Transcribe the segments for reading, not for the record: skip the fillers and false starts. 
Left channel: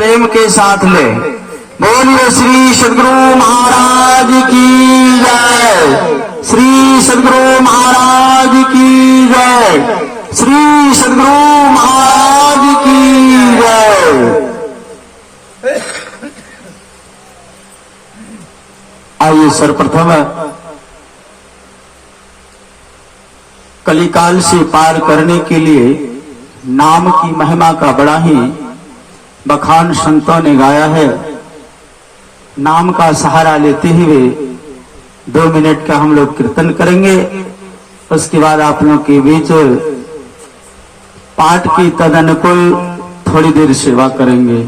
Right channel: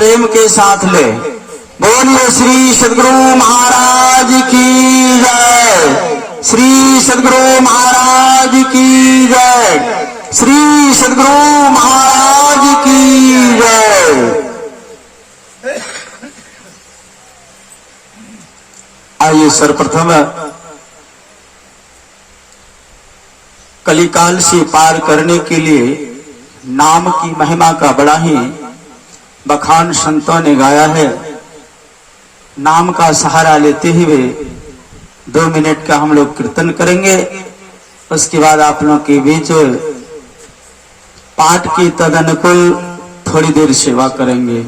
प्रेम के साथ ले। बोलिए श्री सद्गुरु महाराज की जय, श्री सद्गुरु महाराज की जय, श्री सद्गुरु महाराज की जय। आइए सर्वप्रथम कलिकाल से पार करने के लिए नाम की महिमा का बड़ा ही बखान संतों ने गाया है। नाम का सहारा लेते हुए 2 मिनट का हम लोग कीर्तन करेंगे। उसके बाद आप लोग के बीच पाठ की तदनुकूल थोड़ी देर सेवा करेंगे।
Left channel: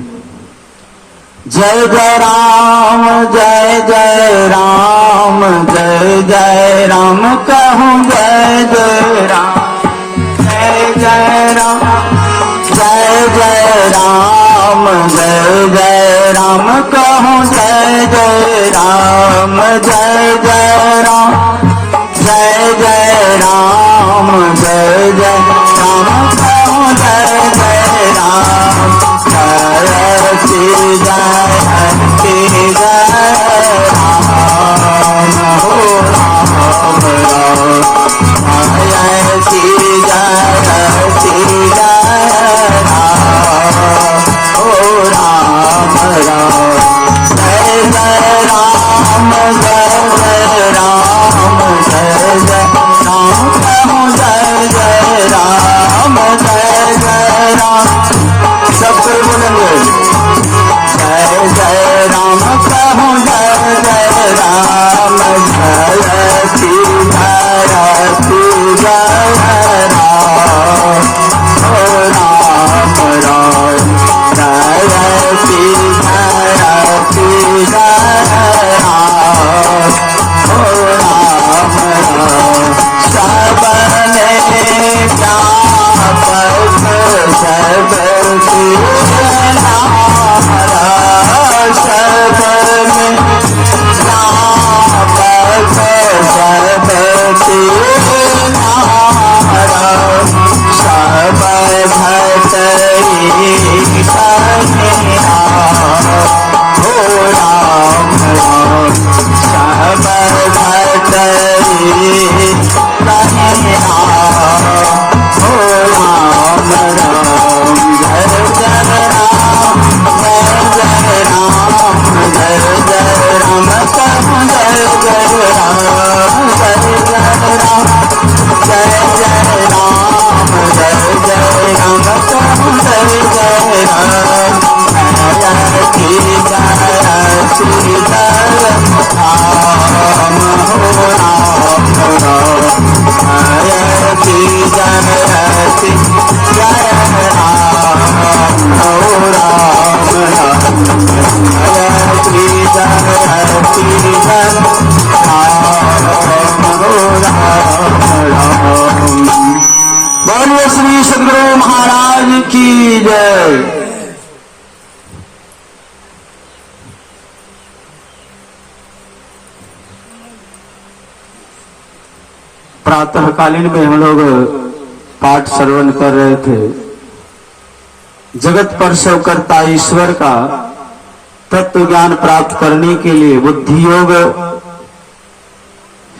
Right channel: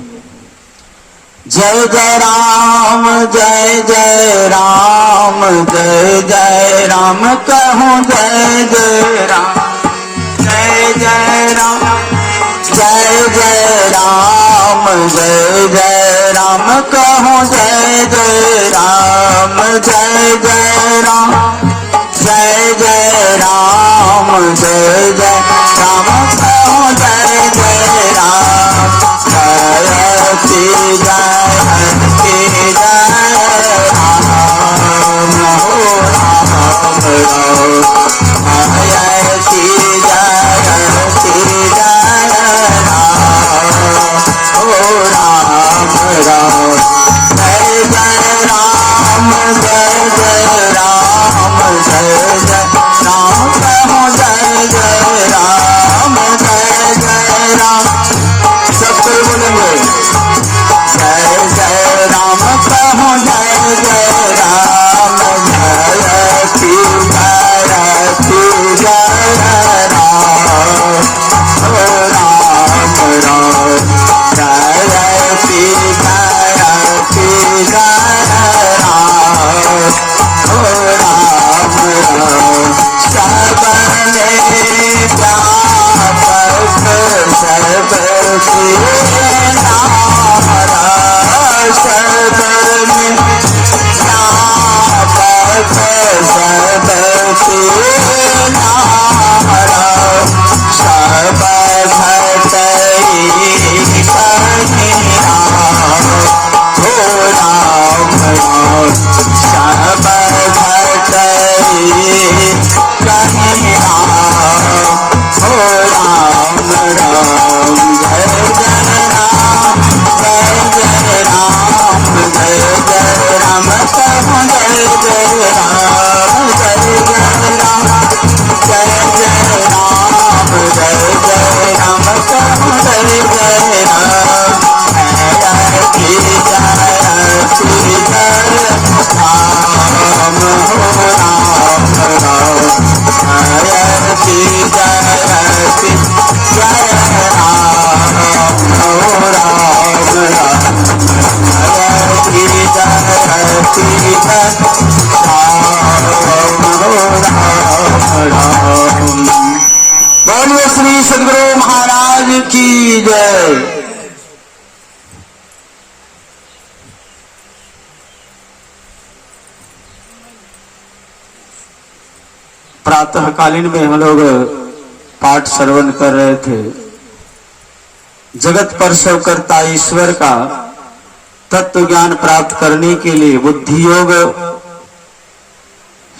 जय जय राम जय जय राम, जय जय राम कहूँ जय जय राम, जय जय राम जय जय राम, जय जय राम कहूँ जय जय राम, जय जय राम जय जय राम, जय जय राम कहूँ जय जय राम। जय श्री जय श्री जय राम जय श्री जय श्री जय राम राम राम। जय जय राम जय जय राम, जय जय राम जय जय राम, जय जय राम। सब कोई बोलेंगे जय जय राम कहूँ जय जय राम, जय श्री जय श्री जय राम राम राम। जय श्री जय श्री जय राम राम राम। सबने व्यापक सबकी बोलिए श्री सद्गुरु महाराज की जय। प्रातःकालीन में हम लोग पाठ श्रवण कर रहे थे। जगत पर करता ईश्वर का तत्व ज्ञान प्राप्त करने के लिए बुद्धि योग,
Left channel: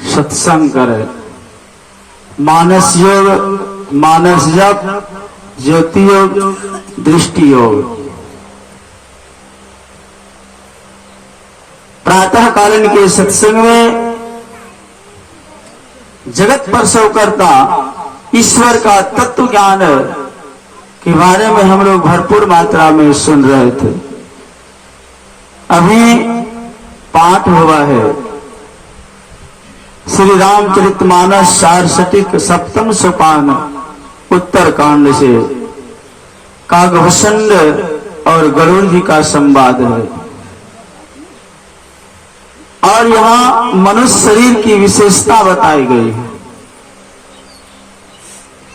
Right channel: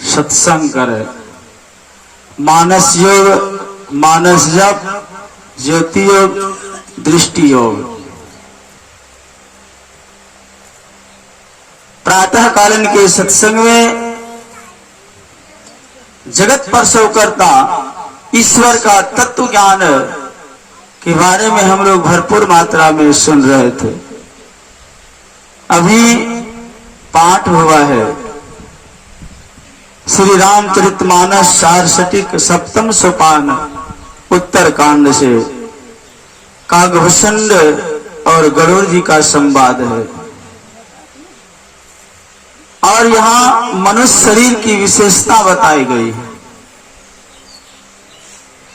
सत्संग करे, मानस योग, मानस जप, ज्योति योग, दृष्टि योग। प्रातःकालीन के सत्संग में जगत पर करता ईश्वर का तत्व ज्ञान के बारे में हम लोग भरपूर मात्रा में सुन रहे थे। अभी पाठ हुआ है श्री रामचरितमानस सारसटिक सप्तम सोपान उत्तर कांड से। कागभूषण और गरुड़ जी का संवाद है और यहाँ मनुष्य शरीर की विशेषता बताई गई है।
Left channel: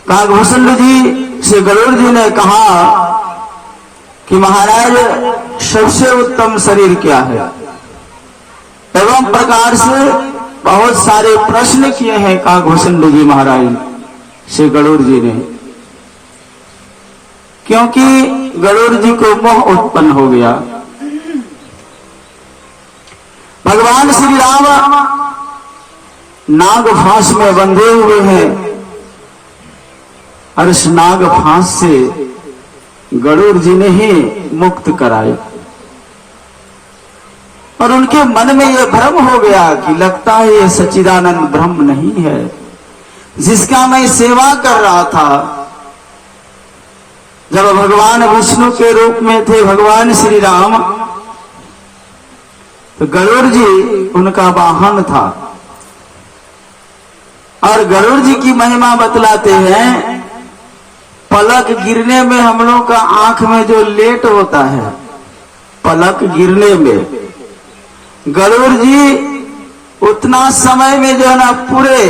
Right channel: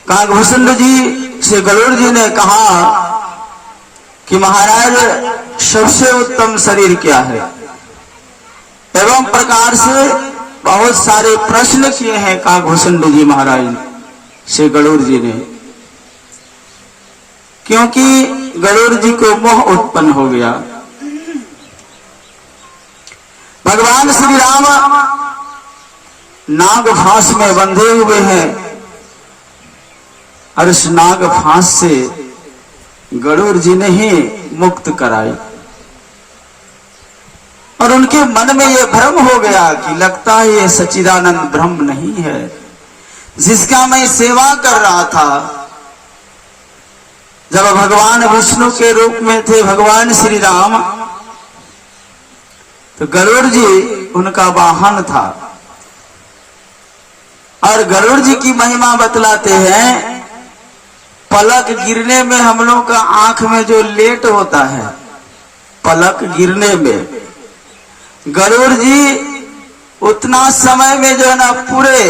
कागभूषण जी से गरुड़ जी ने कहा कि महाराज सबसे उत्तम शरीर क्या है, एवं प्रकार से बहुत सारे प्रश्न किए हैं कागभूषण जी महाराज से गरुड़ जी ने क्योंकि गरुड़ जी को मोह उत्पन्न हो गया। भगवान श्री राम नाग फांस में बंधे हुए हैं और इस नाग फांस से गरुड़ जी ने ही मुक्त कराई और उनके मन में यह भ्रम हो गया कि लगता है ये सच्चिदानंद ब्रह्म नहीं है जिसका मैं सेवा कर रहा था। जब भगवान विष्णु के रूप में थे भगवान श्री राम, तो गरुड़ जी उनका वाहन था और गरुड़ जी की महिमा बतलाते हैं, पलक गिरने में हम लोग का आंख में जो लेट होता है, पलक गिरने में गरुड़ जी उतना समय में जो है ना पूरे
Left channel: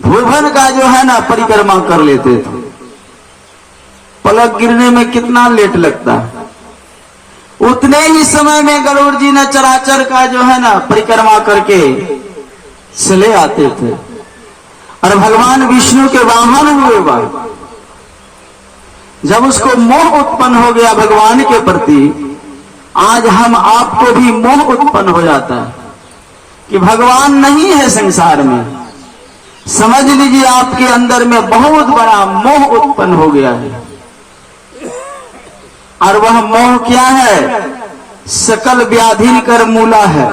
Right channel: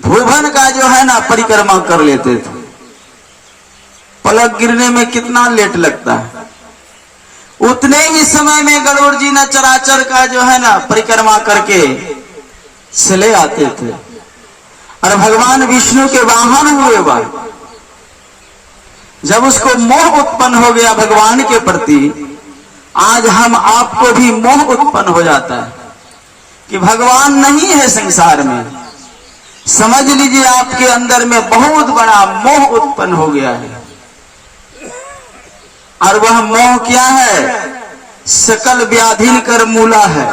भुवन का जो है ना परिक्रमा कर लेते थे। पलक गिरने में कितना लेट लगता है, उतने ही समय में गरुड़ जी ने चराचर का जो है ना परिक्रमा करके चले आते थे और भगवान विष्णु के वाहन हुए बार जब उसको मोह उत्पन्न हो गया भगवान के प्रति, आज हम आपको भी मोह उत्पन्न हो जाता है कि भगवान नहीं है संसार में। समझ लीजिए आपके अंदर में बहुत बड़ा मोह उत्पन्न हो गया है और वह मोह क्या है? सकल व्याधिन कर मूला है।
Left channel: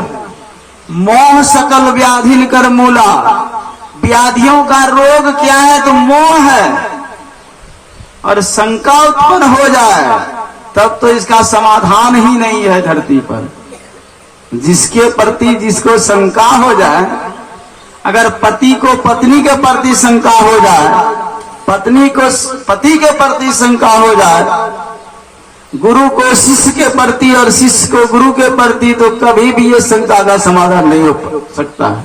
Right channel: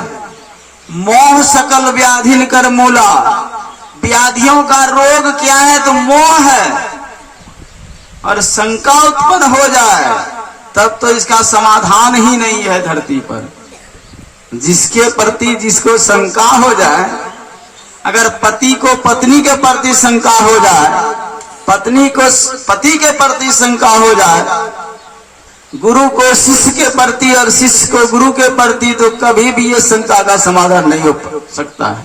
मोह सकल व्याधिन कर मूला, व्याधियों का रोग क्या है? तो मोह है। और शंका उत्पन्न हो जाए तब तो इसका समाधान ही नहीं है धरती पर। जिसके प्रति जिसको शंका हो जाए, अगर पति को पत्नी के प्रति शंका हो जाए, पत्नी को पति के प्रति शंका हो जाए, गुरु को शिष्य के प्रति और शिष्य को गुरु के प्रति, तो कभी भी ये शंका का समाधान नहीं हो सकता है।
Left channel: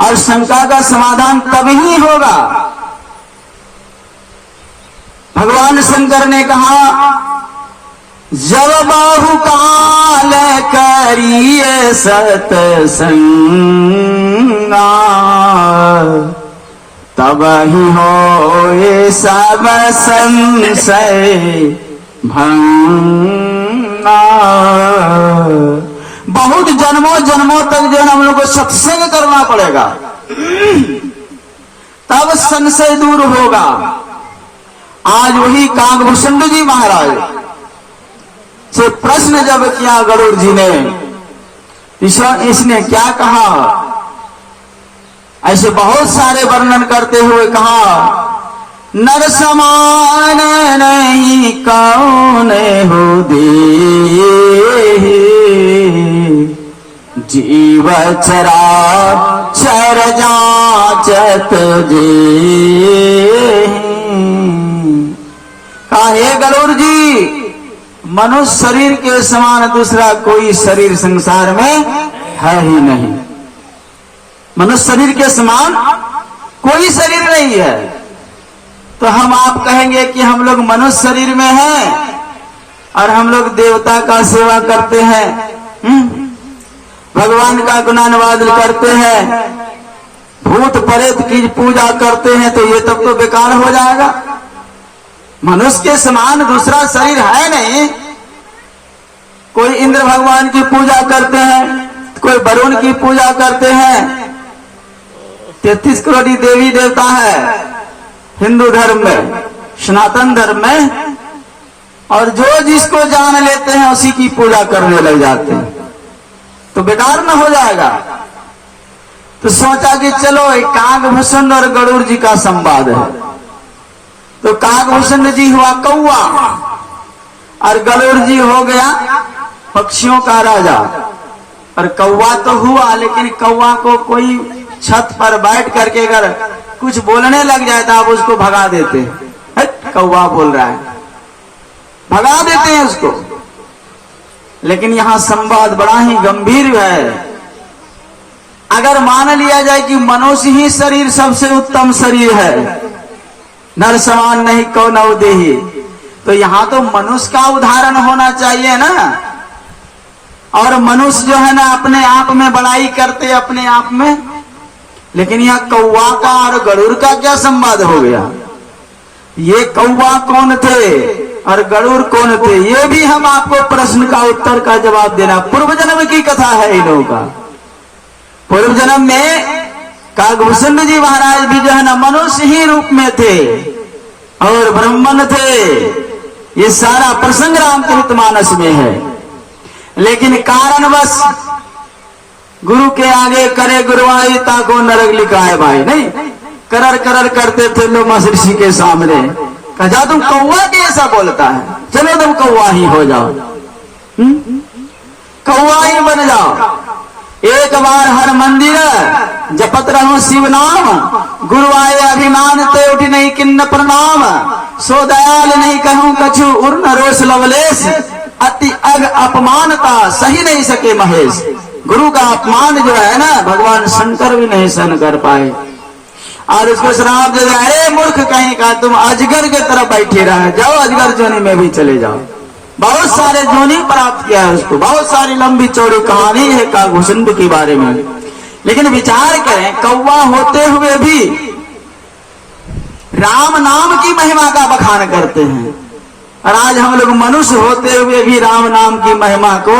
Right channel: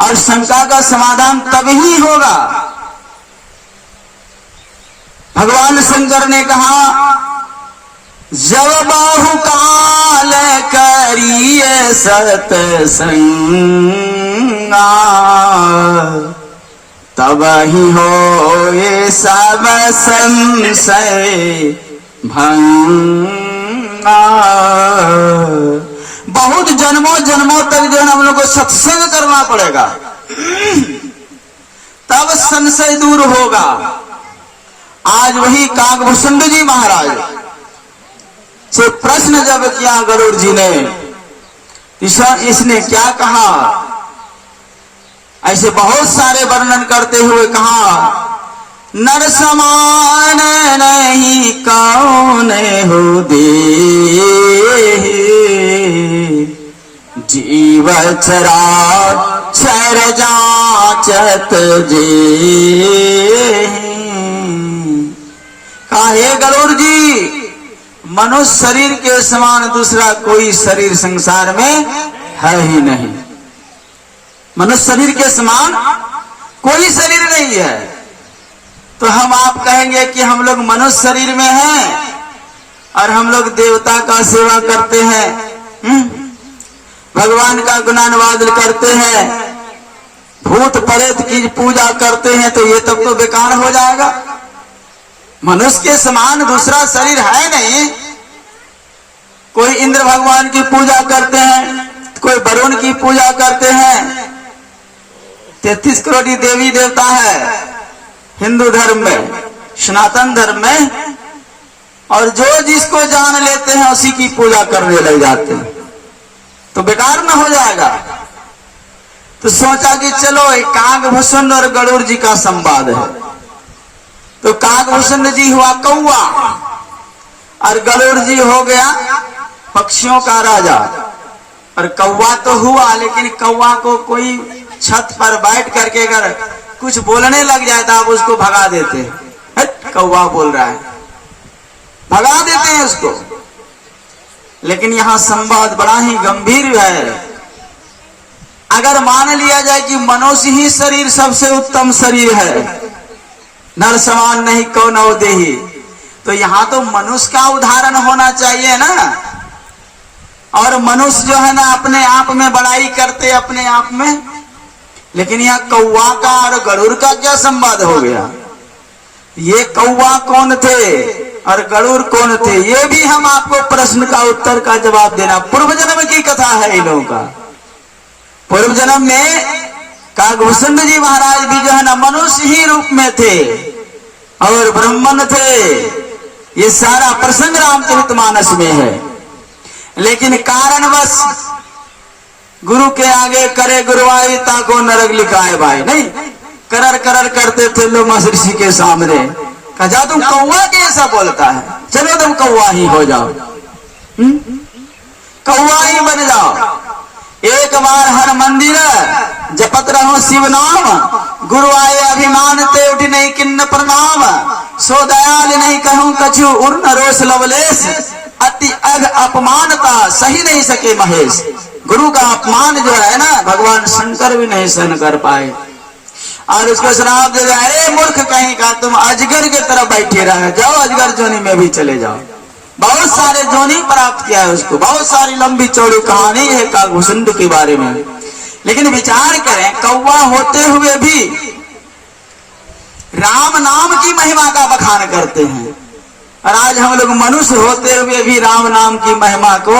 और शंका का समाधान तभी होगा, भगवान शंकर ने कहा, जब बाहुकाल करिए सतसंगा तब ही हो ये सब संशय भंगा। बहुत जन्मों जन्मों तक जो हम लोग को सत्संग करना पड़ेगा, तब संशय दूर होगा। आज वही काकभूषण जी महाराज से प्रश्न जब किया गरुड़ जी ने, इसने क्या कहा? ऐसे बहुत सारे वर्णन करते हुए कहा, नर समान नहीं कौन हो दे, जीव चरा चर जाचत जे। कहा, हे गरुड़ जी, मनुष्य शरीर के समान दूसरा कोई शरीर संसार में है ही नहीं। मनुष्य शरीर के समान कोई शरीर नहीं है। तो हम आप कहेंगे कि हम लोग मनुष्य शरीर में हैं और हम लोग देवता का सेवा करते हैं, भगवान का गुणानुवाद करते हैं, भूत प्रेत की पूजा करते हैं, तो ये तब तो बेकार हो जाएगा। मनुष्य के समान दूसरा शरीर है नहीं। कोई इंद्र भगवान की पूजा करते हैं, कोई वरुण की पूजा करते हैं। 33 करोड़ देवी देवता है हिंदू धर्म में, सनातन धर्म में, और जो जिसको जान लेते हैं उसी की पूजा करने लग जाते हैं, तो बेकार न हो जाएगा। तो सोचा कि चलो एक काकभूषण और गरुड़ जी का संवाद है। तो काकभूषण जी हुआ कौआ और गरुड़ जी हो गया पक्षियों का राजा। और कौवा तो हुआ, लेकिन कौवा को कोई छत पर बैठ करके अगर कुछ बोलने लग जाए तो आप उसको भगा देते हैं, कौवा बोल रहा है, भगा देते हैं उसको। लेकिन यहां संवाद बड़ा ही गंभीर है। अगर मान लिया जाए कि मनुष्य ही शरीर सबसे उत्तम शरीर है, नर समान नहीं कौन देही, तो यहां तो मनुष्य का उदाहरण होना चाहिए ना। और मनुष्य जो है ना अपने आप में बड़ाई करते अपने आप में, लेकिन यहाँ कौवा का और गरुड़ का क्या संवाद हो गया? ये कौवा कौन थे और गरुड़ कौन थे, ये भी हम आपको प्रश्न का उत्तर का जवाब देना। पूर्व जन्म की कथा है इन लोगों का। पूर्व जन्म में काकभूषण जी महाराज भी जो है ना मनुष्य ही रूप में थे और ब्राह्मण थे। ये सारा प्रसंग रामचरितमानस में है, लेकिन कारणवश गुरु के आगे करे गुरुवाई ताको नरक लिखा है भाई, नहीं करर करर करते थे लोग महर्षि के सामने। कहा तुम कौवा कैसा बोलता है, चलो तुम कौवा ही हो जाओ, कौवा ही बन जाओ। एक बार हर मंदिर जपत रहो शिव नाम, गुरु आए अभिमान ते उठ नहीं किन्न प्रणाम। सो दयाल नहीं कहूं कछु उर्न रोष लवलेश, अति अग अपमानता सही नहीं सके महेश। गुरु का अपमान जो है ना भगवान शंकर भी नहीं सहन कर पाए और उसको श्राप दे, अरे मूर्ख कहीं का, तुम अजगर के तरफ बैठे रहे, जाओ अजगर जोनी में भी चले जाओ। बहुत सारे जोनी प्राप्त किया है उसको, बहुत सारी लंबी चौड़ी कहानी है काकभूषण के बारे में। लेकिन विचार करें, कौवा होते हुए भी राम नाम की महिमा का बखान करते हैं, और आज हम लोग मनुष्य होते हुए भी राम नाम की महिमा को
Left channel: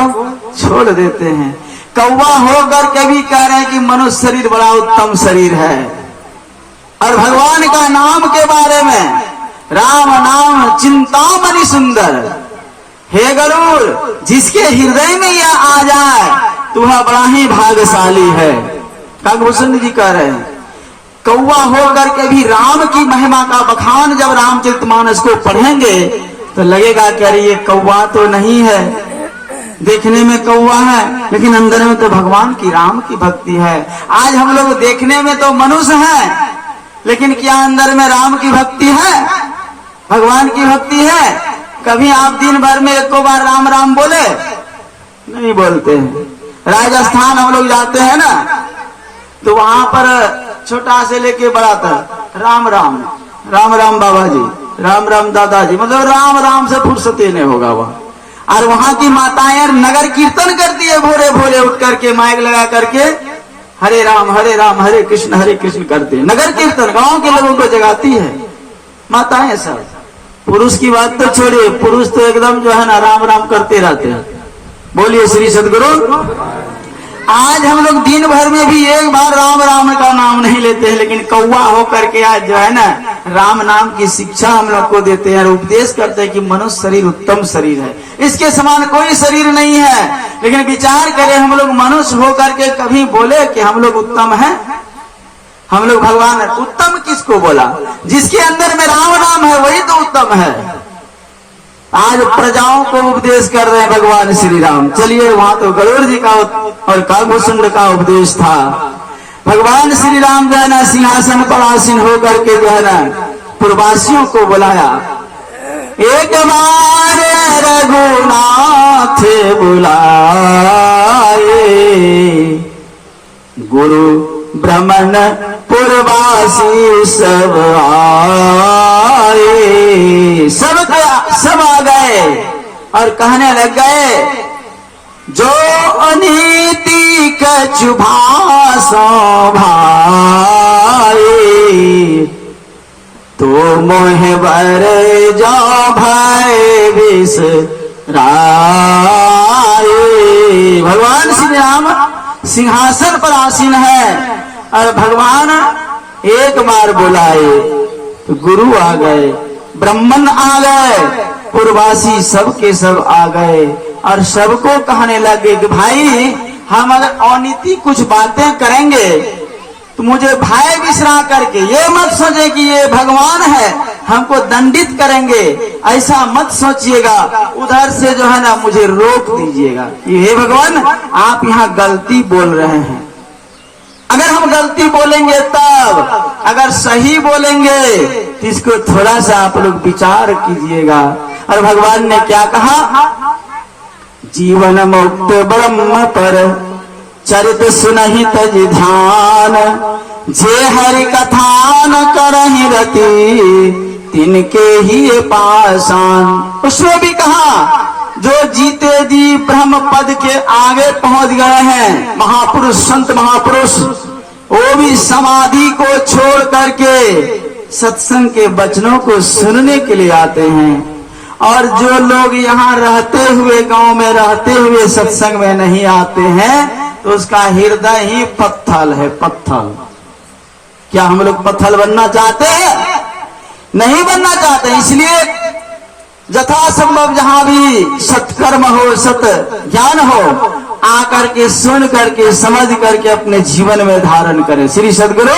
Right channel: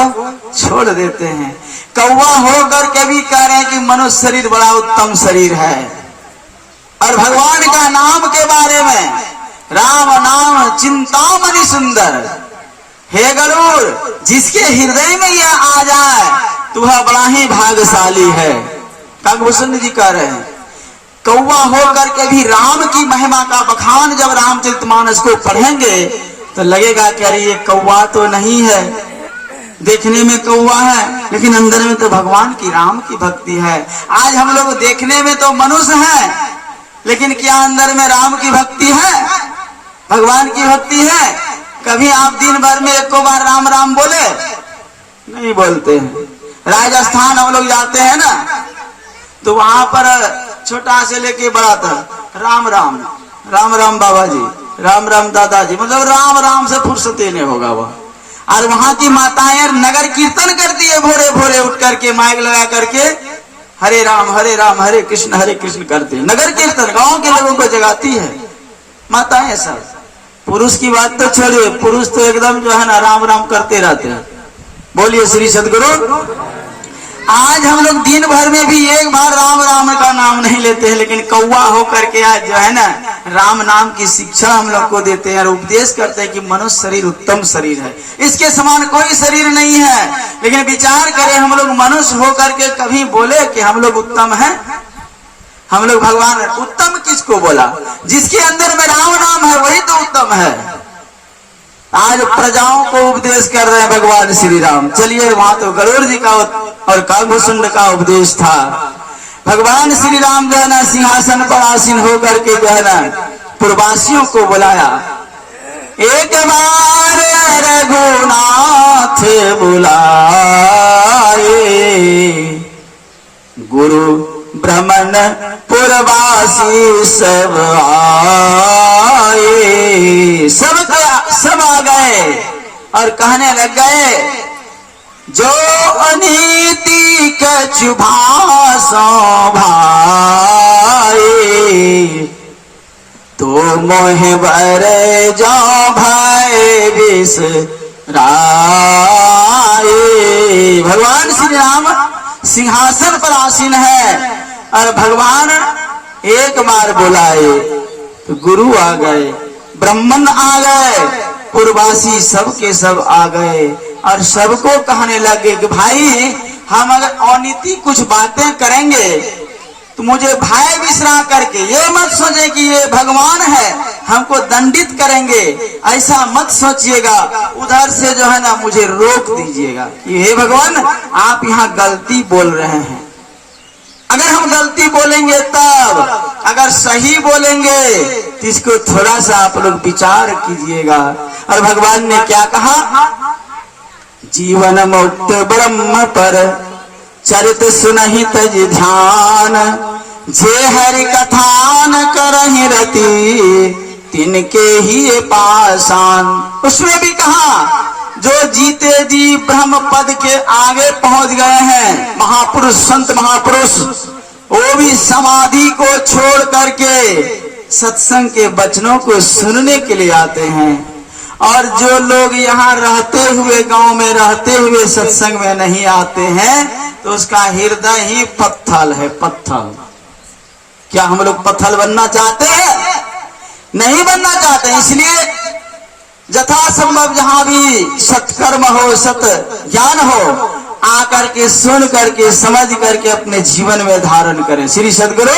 छोड़ देते हैं। कौवा होकर के भी कह रहे हैं कि मनुष्य शरीर बड़ा उत्तम शरीर है, और भगवान का नाम के बारे में राम नाम चिंतामणि सुंदर। हे गरुड़, जिसके हृदय में यह आ जाए तो वह बड़ा ही भाग्यशाली है। काकभूषण जी कह रहे हैं कौवा होकर के भी राम की महिमा का बखान जब रामचरितमानस को पढ़ेंगे तो लगेगा कि अरे ये कौवा तो नहीं है, देखने में कौवा है लेकिन अंदर में तो भगवान की राम की भक्ति है। आज हम लोग देखने में तो मनुष्य हैं, लेकिन क्या अंदर में राम की भक्ति है, भगवान की भक्ति है? कभी आप दिन भर में एक बार राम राम बोले? नहीं बोलते हैं। राजस्थान हम लोग जाते हैं ना, तो वहां पर छोटा से लेके बड़ा तक राम राम राम राम बाबा जी, राम राम दादाजी, मतलब राम राम से फुर्सत ही नहीं होगा वहां। और वहां की माताएं नगर कीर्तन करती है, भोरे भोरे उठ करके माइक लगा करके हरे राम हरे कृष्ण करते हैं। नगर कीर्तन गांव के लोगों को जगाती है माताएं सब। पुरुष की बात तो छोड़िए, पुरुष तो एकदम जो है ना राम राम करते रहते हैं। बोलिए श्री सदगुरु। आज हम लोग दिन भर में भी एक बार राम राम का नाम नहीं लेते हैं, लेकिन कौवा होकर के आज जो है ना राम नाम की शिक्षा हम लोग को देते हैं और उपदेश करते हैं कि मनुष्य शरीर उत्तम शरीर है, इसके समान कोई शरीर नहीं है। लेकिन विचार करें, हम लोग मनुष्य होकर के कभी बोले कि हम लोग उत्तम हैं? हम लोग भगवान उत्तम किसको बोला? जिसके अंदर में राम नाम है वही तो उत्तम है। आज प्रजाओं को उपदेश कर रहे हैं भगवान श्री राम। चलिए, वहां तो गरुड़ जी का और काकभूषण का उपदेश था। भगवान श्री राम जो है ना सिंहासन पर आसीन होकर के जो है ना पूर्ववासियों को बुलाया। एक बार रघुनाथ बुलाए, गुरु ब्रह्मण पूर्ववासी सब आए। सब आ गए और कहने लग गए, जो अनीति कछु भाषो भाई, तो मोह बरे जो भय बिसराए। भगवान श्री राम सिंहासन पर आसीन है और भगवान एक बार बुलाए तो गुरु आ गए, ब्राह्मण आ गए, पूर्ववासी सब के सब आ गए और सबको कहने लगे कि भाई हम अगर अनीति कुछ बातें करेंगे तो मुझे भय विसरा करके ये मत सोचे कि ये भगवान है हमको दंडित करेंगे, ऐसा मत सोचिएगा। उधर से जो है ना मुझे रोक दीजिएगा, ये भगवान आप यहाँ गलती बोल रहे हैं। अगर हम गलती बोलेंगे तब, अगर सही बोलेंगे तो इसको थोड़ा सा आप लोग विचार कीजिएगा। और भगवान ने क्या कहा? जीवन मुक्त ब्रह्म पर चरित सुनहि तज ध्यान, जे हरि कथा न करहि रति तिनके ही पासान। उसमें भी कहा, जो जीते जी ब्रह्म पद के आगे पहुंच गए हैं महापुरुष, संत महापुरुष, वो भी समाधि को छोड़ करके सत्संग के वचनों को सुनने के लिए आते हैं। और जो लोग यहाँ रहते हुए, गांव में रहते हुए सत्संग में नहीं आते हैं, तो उसका हृदय ही पत्थल है, पत्थल। क्या हम लोग पत्थल बनना चाहते हैं? नहीं बनना चाहते। इसलिए यथासंभव जहां भी सत्कर्म हो, सत ज्ञान हो, आकर के सुन करके समझ करके अपने जीवन में धारण करें। श्री सद्गुरु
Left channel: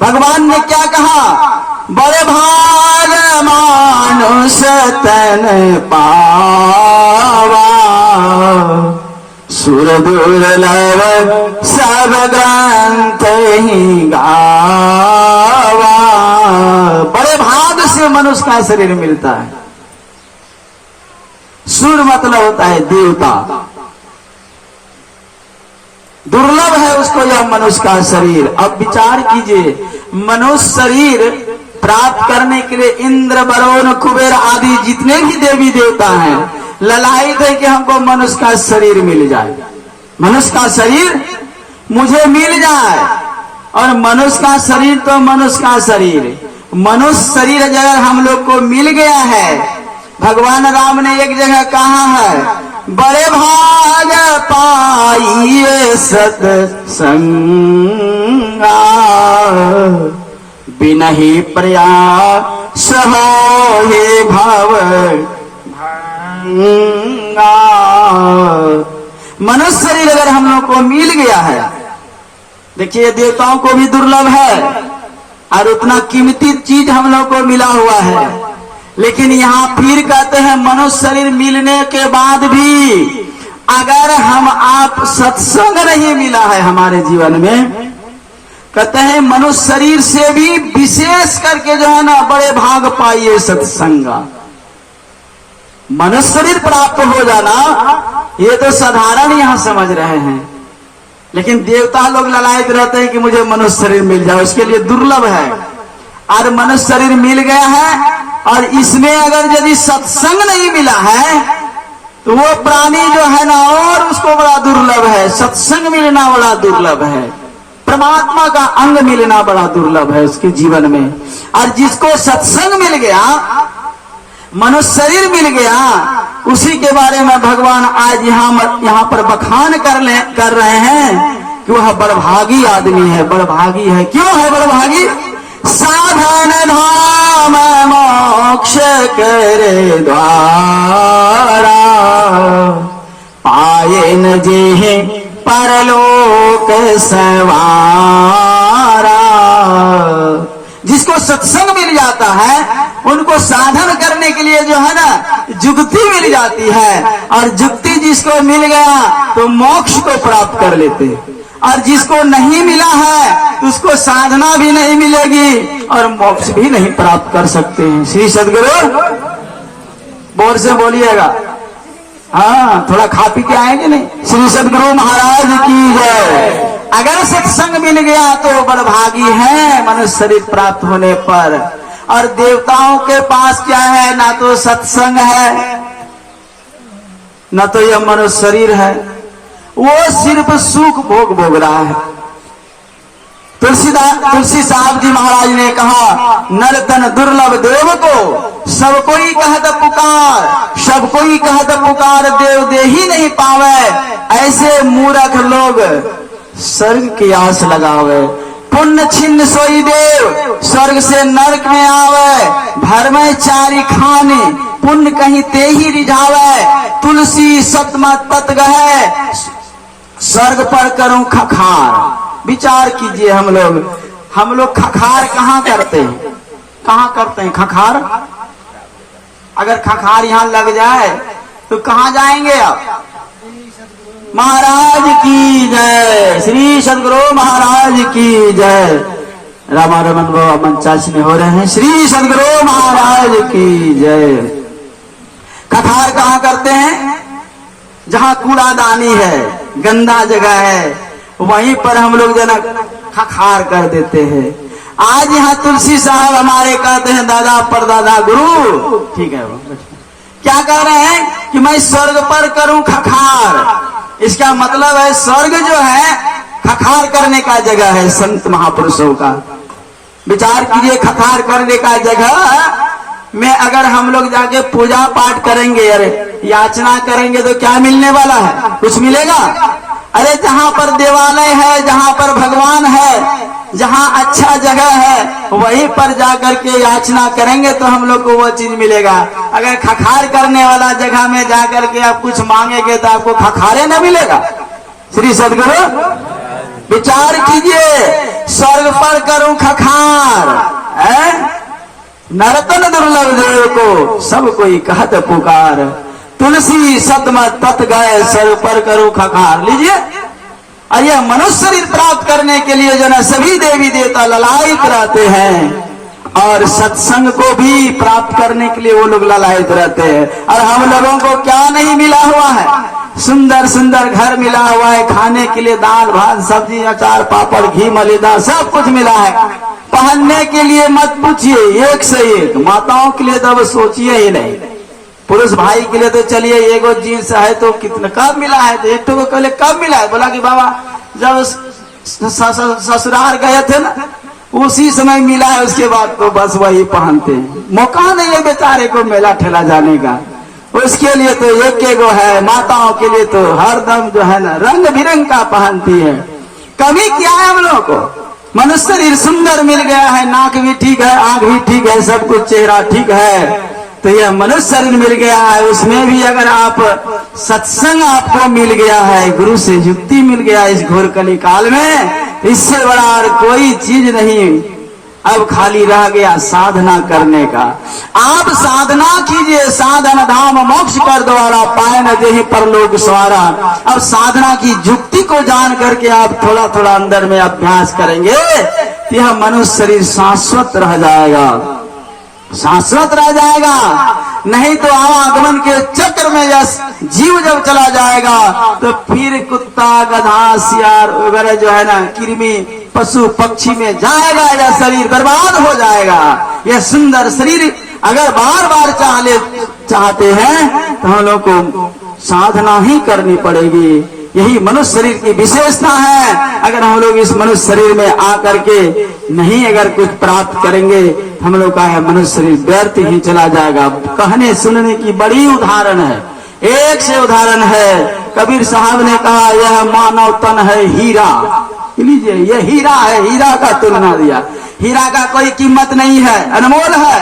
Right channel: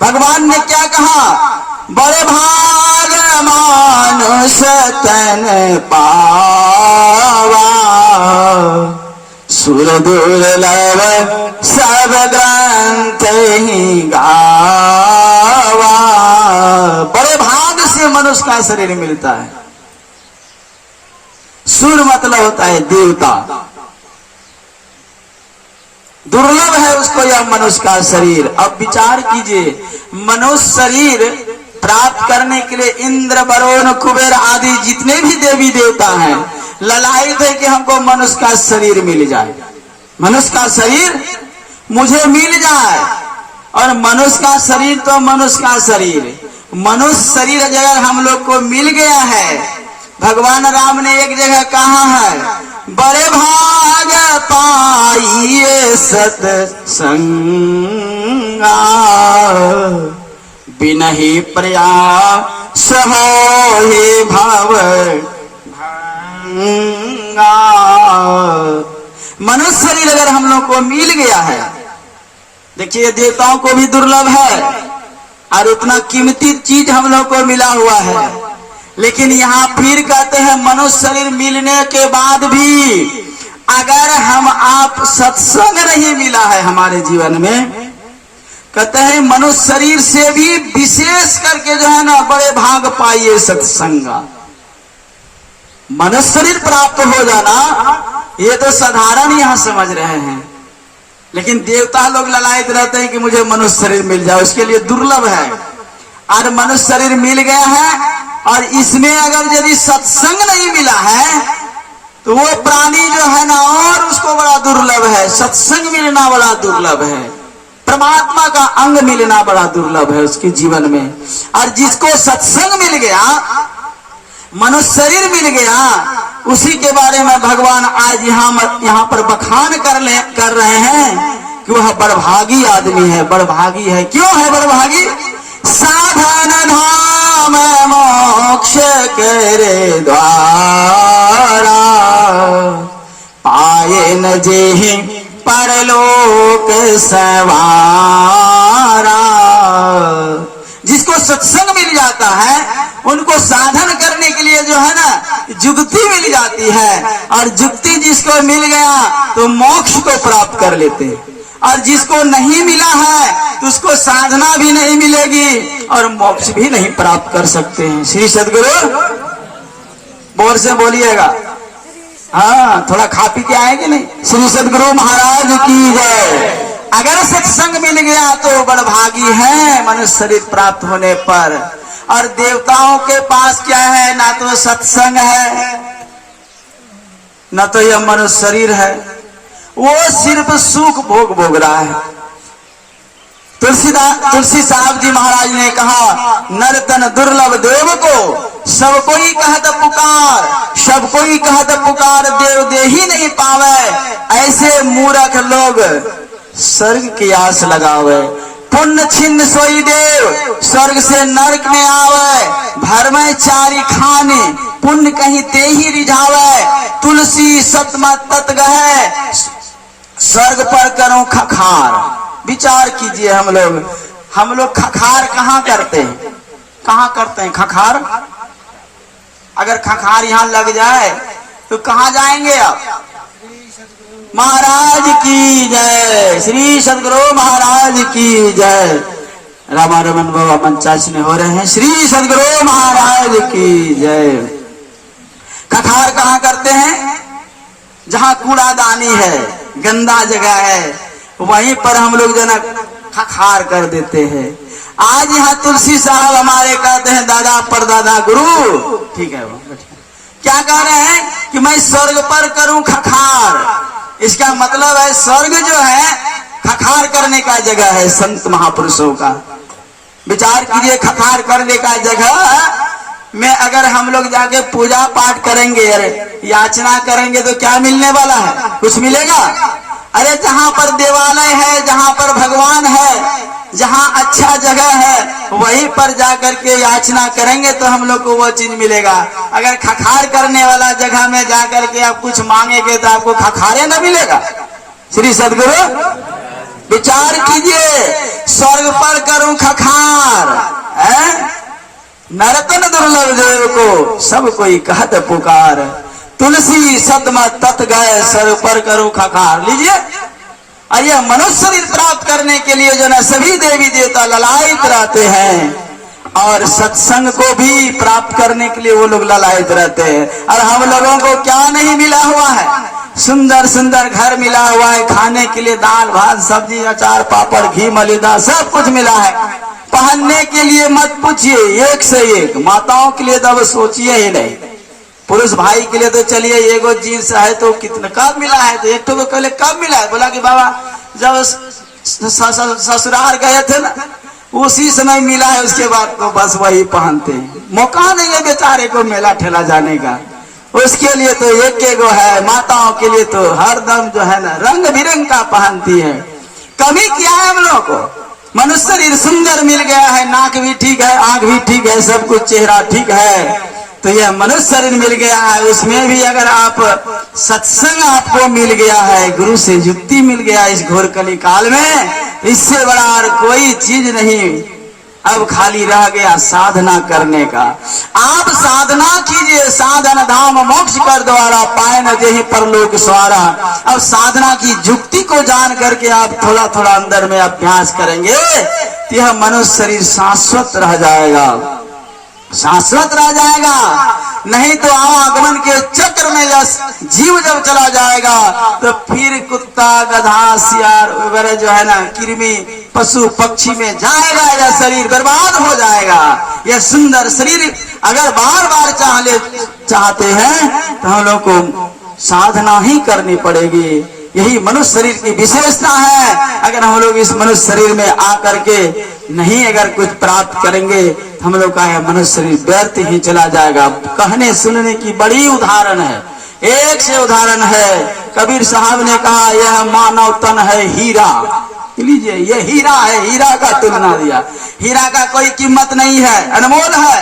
भगवान ने क्या कहा? बड़े भाग मानुष तन पावा, सुर दुर्लभ सब ग्रंथ ही गावा। बड़े भाग से मनुष्य का शरीर मिलता है। सुर मतलब होता है देवता, दुर्लभ है उसको यह मनुष्य का शरीर। अब विचार कीजिए, मनुष्य शरीर प्राप्त करने के लिए इंद्र, वरुण, कुबेर आदि जितने भी देवी देवता हैं ललायित है कि हमको मनुष्य का शरीर मिल जाए, मनुष्य का शरीर मुझे मिल जाए। और मनुष्य का शरीर तो मनुष्य का शरीर, मनुष्य शरीर अगर हम लोग को मिल गया है, भगवान राम ने एक जगह कहा है, बड़े भाग पाइए सत्संगा, बिनहि प्रयास होहि भव भंगा। मनुष्य शरीर अगर हम लोग को मिल गया है, देखिए देवताओं को भी दुर्लभ है और उतना कीमती चीज हम लोग को मिला हुआ है। लेकिन यहाँ फिर कहते हैं मनुष्य शरीर मिलने के बाद भी अगर हम आप सत्संग नहीं मिला है हमारे जीवन में, कहते हैं मनुष्य शरीर से भी विशेष करके जो है ना, बड़े भाग पाइए सत्संगा। मनुष्य शरीर प्राप्त हो जाना ये तो साधारण यहाँ समझ रहे हैं, लेकिन देवता लोग ललायत रहते हैं कि मुझे मनुष्य शरीर मिल जाए, उसके लिए दुर्लभ है। और मनुष्य शरीर मिल गया है और इसमें अगर यदि सत्संग नहीं मिला है तो वो प्राणी जो है ना, और उसको बड़ा दुर्लभ है। सत्संग मिलना बड़ा दुर्लभ है, परमात्मा का अंग मिलना बड़ा दुर्लभ है उसके जीवन में। और जिसको सत्संग मिल गया, मनुष्य शरीर मिल गया, उसी के बारे में भगवान आज यहाँ पर बखान कर रहे हैं कि वह बड़भागी आदमी है, बड़भागी है। क्यों है बड़भागी? साधन धाम मोक्ष करे द्वारा, पाए न जे परलोक सवारा। जिसको सत्संग मिल जाता है उनको साधन करने के लिए जो है ना, जुक्ति मिल जाती है। और जुक्ति जिसको मिल गया तो मोक्ष को प्राप्त कर लेते हैं, और जिसको नहीं मिला है तो उसको साधना भी नहीं मिलेगी और मोक्ष भी नहीं प्राप्त कर सकते हैं। श्री सद्गुरु बोल से बोलिएगा। हाँ, थोड़ा खा पी के आएंगे नहीं। श्री सद्गुरु महाराज की जय। अगर सत्संग मिल गया तो बड़भागी है मनुष्य शरीर प्राप्त होने पर। और देवताओं के पास क्या है? ना तो सत्संग है, न तो यह मनुष्य शरीर है, वो सिर्फ सुख भोग रहा है। तुलसी साहब जी महाराज ने कहा, नर तन दुर्लभ देव को सब कोई कहत पुकार, सब कोई कहत पुकार, देव दे ही नहीं पावे। ऐसे मूर्ख लोग स्वर्ग की आस लगावे, पुण्य छिन्न सोई देव स्वर्ग से नरक में आवे। भर में चारी खाने पुण्य कहीं ते ही रिझावे, तुलसी सतमत तत गहे, स्वर्ग पर करूं खखार। विचार कीजिए, हम लोग खखार कहाँ करते हैं? कहाँ करते हैं खखार? अगर खखार यहाँ लग जाए तो कहाँ जाएंगे आप? महाराज की जय। श्री सद्गुरु महाराज की जय। रामा रमन बाबा मंचासने हो रहे हैं। श्री सद्गुरु महाराज की जय। खखार कहाँ करते हैं? जहाँ कूड़ादानी है, गंदा जगह है, वहीं पर हम लोग जना खखार कर देते हैं। आज यहाँ तुलसी साहब हमारे कहते हैं, दादा परदादा गुरु, ठीक है, क्या कह रहे हैं कि मैं स्वर्ग पर करूं खखार। इसका मतलब है स्वर्ग जो है खखार करने का जगह है संत महापुरुषों का। विचार कीजिए, खखार करने का जगह में अगर हम लोग जाके पूजा पाठ करेंगे, अरे याचना करेंगे तो क्या मिलने वाला है? कुछ मिलेगा? अरे जहां पर देवालय है, जहां पर भगवान है, जहां अच्छा जगह है, वहीं पर जाकर के याचना करेंगे तो हम लोग को वो चीज मिलेगा। अगर खखार करने वाला जगह में जाकर के आप कुछ मांगेंगे तो आपको खखारे न मिलेगा। श्री सदगुरु विचार कीजिए, स्वर्ग पर करूं खखार, नरतन दुर्लभ देव को सब कोई कहत पुकार, तुलसी सतम तत गए स्वर्ग पर करूं खखार। लीजिए, यह मनुष्य शरीर प्राप्त करने के लिए जो ना सभी देवी देवता ललायित रहते हैं और सत्संग को भी प्राप्त करने के लिए वो लोग ललायित रहते हैं। और हम लोगों को क्या नहीं मिला हुआ है? सुंदर सुंदर घर मिला हुआ है, खाने के लिए दाल भात सब्जी अचार पापड़ घी मलिदा सब कुछ मिला है। पहनने के लिए मत पूछिए, एक से एक। माताओं के लिए तो अब सोचिए ही नहीं। पुरुष भाई के लिए तो चलिए एगो जीन्स है तो कितना कब मिला है? तो एक को कहले कब मिला है? बोला कि बाबा जब ससुराल गए थे ना उसी समय मिला है, उसके बाद तो बस वही पहनते। मौका नहीं है बेचारे को मेला ठेला जाने का, उसके लिए तो एक एगो है। माताओं के लिए तो हरदम जो है ना रंग बिरंग का पहनती है। कमी क्या है हम लोग को? मनुष्य शरीर सुंदर मिल गया है, नाक भी ठीक है, आंख भी ठीक है, सब कुछ चेहरा ठीक है, तो यह मनुष्य शरीर मिल गया है। उसमें भी अगर आप सत्संग आपको मिल गया है, गुरु से युक्ति मिल गया इस घोर कली काल में, इससे बड़ा और कोई चीज नहीं। अब खाली रह गया साधना करने का। आप साधना कीजिए, साधन धाम मोक्ष कर द्वारा पाए न जेहि परलोक स्वारा। अब साधना की युक्ति को जान करके आप थोड़ा थोड़ा अंदर में अभ्यास करेंगे तो यह मनुष्य शरीर शाश्वत रह जाएगा, शाश्वत रह जाएगा। नहीं तो आवागमन के चक्र में जीव जब चला जाएगा तो फिर कुत्ता गधा सियार वगैरह जो है ना कृमि पशु पक्षी में जाएगा, यह शरीर बर्बाद हो जाएगा। यह सुंदर शरीर अगर बार बार चाहते हैं तो हम लोग को साधना ही करनी पड़ेगी। यही मनुष्य शरीर की विशेषता है। अगर हम लोग इस मनुष्य शरीर में आकर के नहीं अगर कुछ प्राप्त करेंगे हम लोग का यह मनुष्य शरीर व्यर्थ ही चला जाएगा। कहने सुनने की बड़ी उदाहरण है, एक से उदाहरण है। कबीर साहब ने कहा यह मानव तन है हीरा। लीजिए, यह हीरा है, हीरा का तुलना दिया। हीरा का कोई कीमत नहीं है, अनमोल है,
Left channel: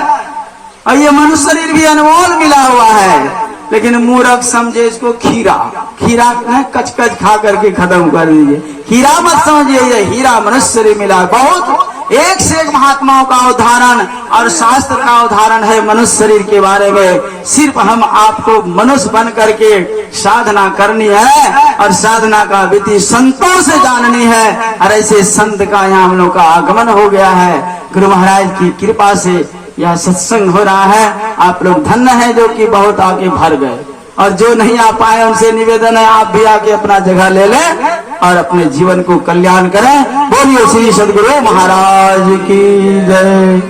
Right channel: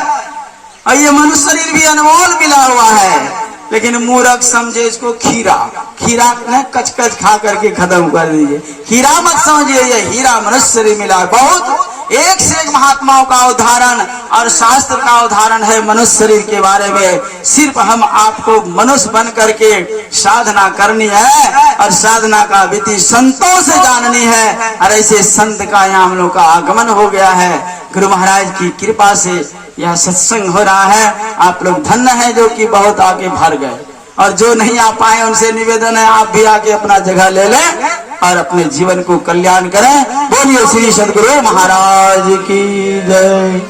और ये मनुष्य शरीर भी अनमोल मिला हुआ है। लेकिन मूर्ख समझे इसको खीरा, खीरा ने कच कच खा करके खत्म कर दीजिए। हीरा मत समझिए, ये हीरा मनुष्य शरीर मिला। बहुत एक से एक महात्माओं का उदाहरण और शास्त्र का उदाहरण है मनुष्य शरीर के बारे में। सिर्फ हम आपको मनुष्य बन करके साधना करनी है और साधना का विधि संतों से जाननी है। और ऐसे संत का यहाँ हम लोग का आगमन हो गया है। गुरु महाराज की कृपा से यह सत्संग हो रहा है। आप लोग धन्य है जो कि बहुत आगे भर गए, और जो नहीं आ पाए उनसे निवेदन है आप भी आके अपना जगह ले लें और अपने जीवन को कल्याण करें। बोलिए श्री सदगुरु महाराज की जय।